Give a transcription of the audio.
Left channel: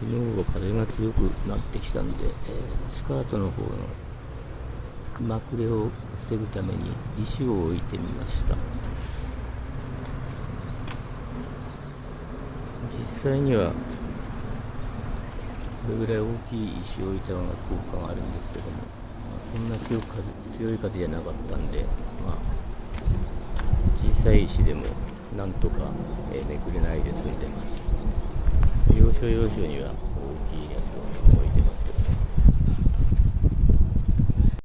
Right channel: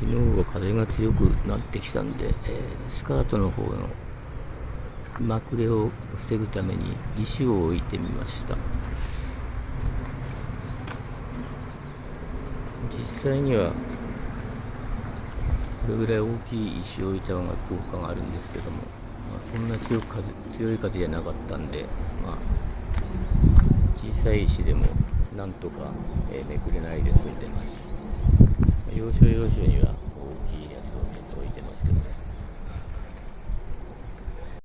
昨日は風が強くなってきたんで、スカートの方のまくれを防ぐために石を置いてみました。実際にはこれぐらい大きい石を置いた方が効果があるんですけども、そんな強い風じゃなかったんで、小さい石でもなんとか、めくれないで済んでます。要所要所には